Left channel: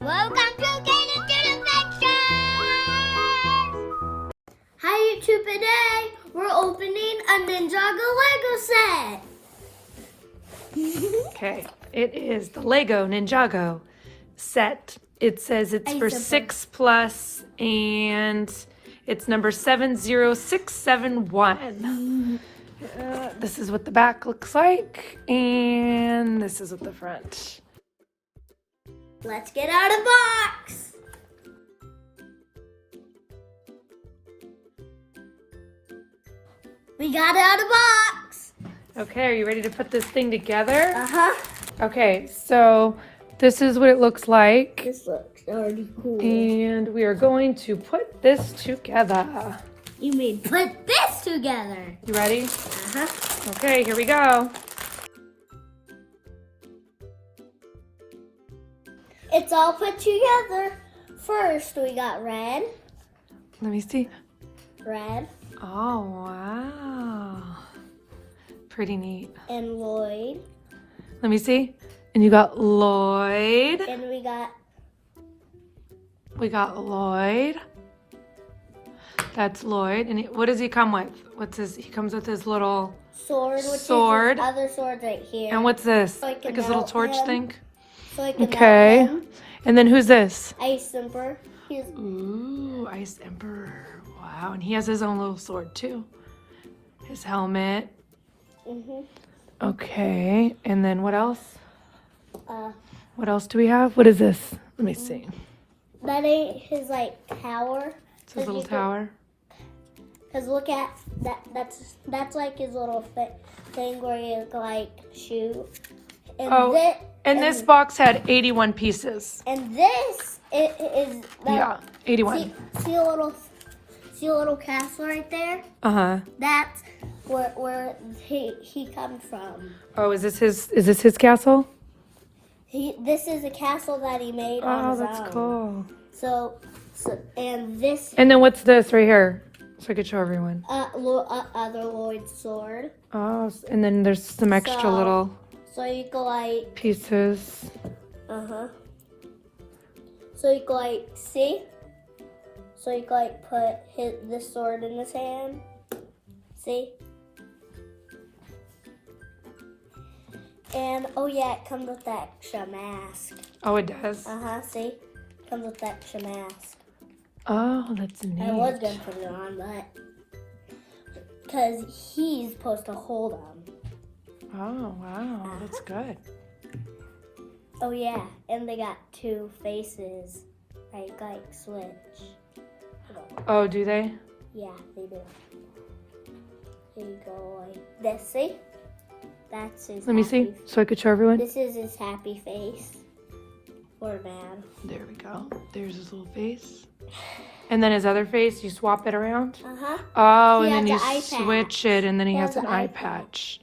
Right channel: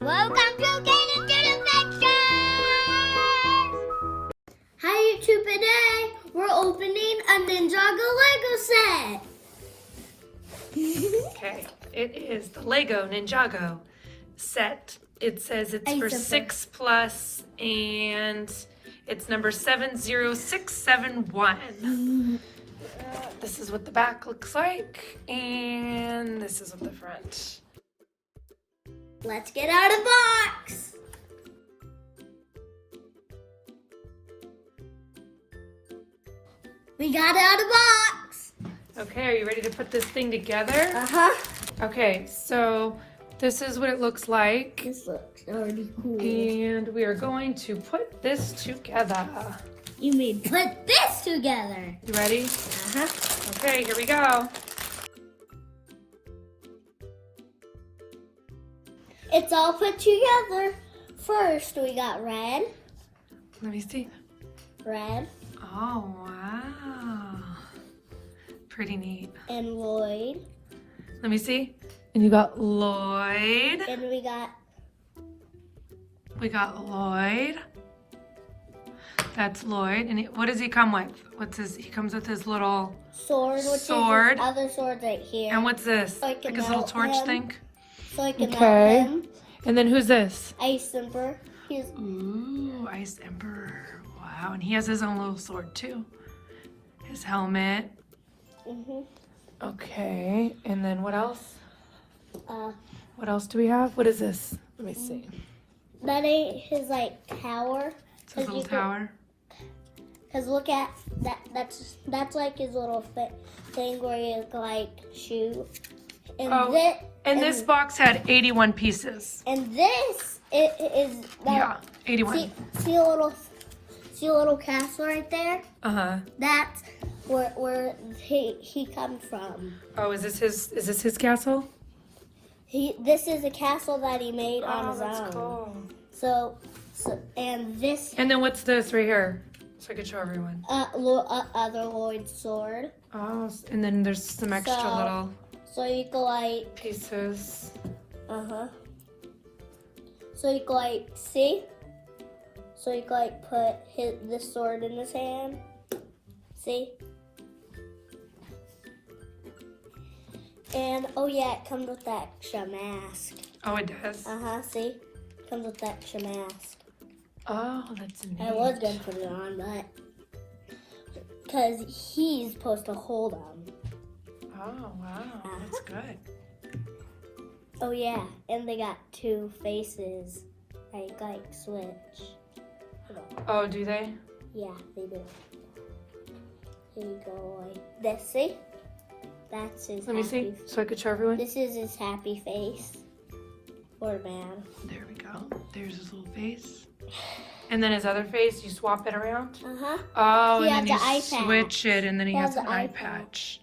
Welcome to Caden to the Picture! Hi YouTube, today we're opening a Ninjago Lego set. Okay, it is the LEGO Ninjago set. It says it's for 6+ and it's number 70671. This is what the back looks like and this is what the front. Let's get out of the box. We got it out of the box. Okay, are you ready to put this thing together? Uh-huh. Okay, so this is what it looks like. This looks already cool. And we are going to put this together. You mean put this together? You ready? Uh-huh. Okay, here we go. It's all put together. First, we got red. Let me see. Red. Oh, wow. Pretty neat. And Lloyd. Let me see. And you got Lloyd. And we got Lloyd. That's Lloyd. And what does he come with? What's his? He comes with his little sword, which is his other sword right here. And what's this? So like his little torch thing? So I can okay. melt him. And then who's this? Ice Emperor. Ooh, Ice Emperor. Wow. And he has his own little sword too. His helmet. Okay. And then what else? What else do we have? What is this? Let me see. That ain't his tower. It's his little tower. Cause look at that. That's like his little thing where you shoot. And this box had 81 pieces. And this is that. Yeah, 81. See a little castle right there? That's where he comes from. Oh, is this his castle? This is a castle that he made on his own. Cool. So and this. And then what's this right here? So I could show everyone. Other Lloyd's sword. Oh, and then there's some extra little. So you go pieces. So you go see. So you go put this sword in his hand. See. And oh yeah, it comes with that extra mask. Oh, it does. See, it comes with that extra mask. Oh, that's neat. I was gonna put it on, but because he's supposed to hold them. Oh wow, that's good. Oh yeah, and they got two faces, like switch. Oh, do they? Yeah, they do. Here you go, like this. See, that's his. Let me see, so I could show everyone. This is his happy face. Or man. There we go. There's his little face. And then his other face, you swap it around. Oh, he and then the you switch it, and then he has an eye patch.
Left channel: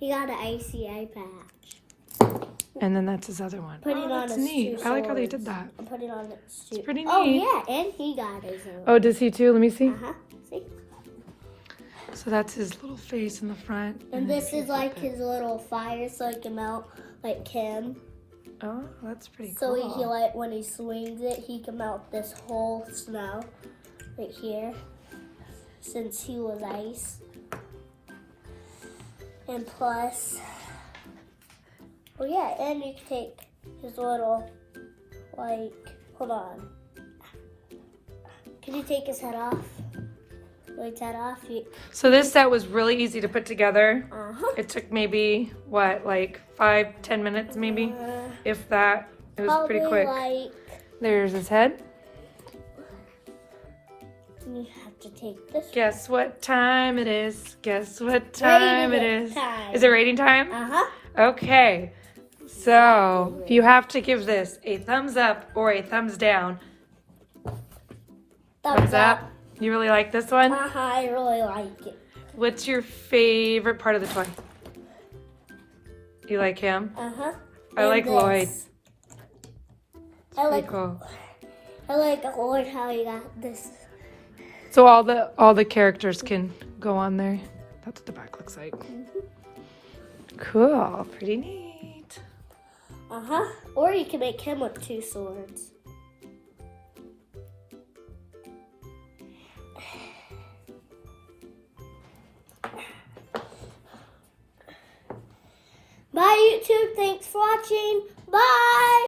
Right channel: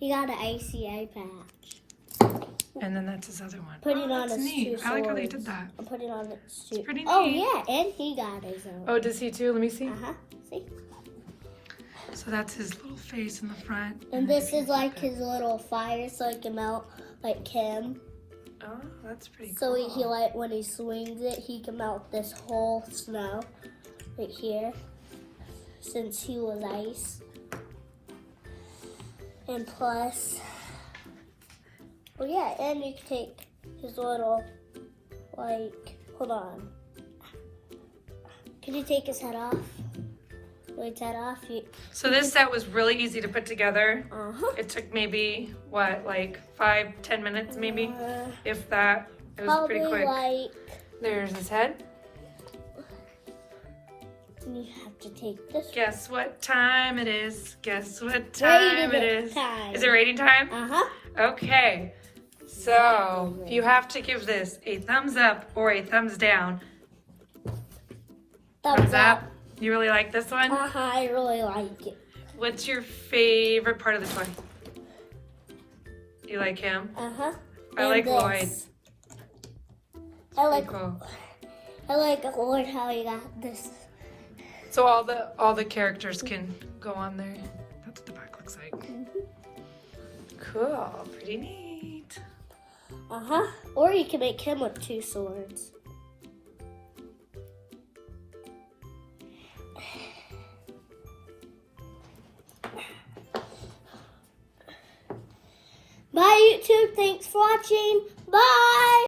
He got an icy eye patch. And then that's his other one. Putting on his two swords. I like how they did that. I'm putting on the it's pretty neat. Oh yeah, and he got his own. Oh, does he too? Let me see. See. So that's his little face in the front. And this is his little fire, so he can melt like him. Oh, that's pretty so cool. So he when he swings it, he can melt this whole snow right here, since he was ice. And plus, oh yeah, and you can take his little, hold on. Can you take his head off? Lloyd's head off. So this set was really easy to put together. It took maybe, 5-10 minutes maybe? If that. It was probably pretty quick. There's his head. You have to take this. Guess what time it is? Guess what time it is? Is it rating time? Okay. So you have to give this a thumbs up or a thumbs down. Thumbs up. You really like this one? I really like it. What's your favorite part of the toy? You like him? I like Lloyd. I like Lloyd how he got this. So all the characters can go on there. That's what the back looks like. Cool. Pretty neat. Or you can make him with two swords. Bye, YouTube. Thanks for watching. Bye.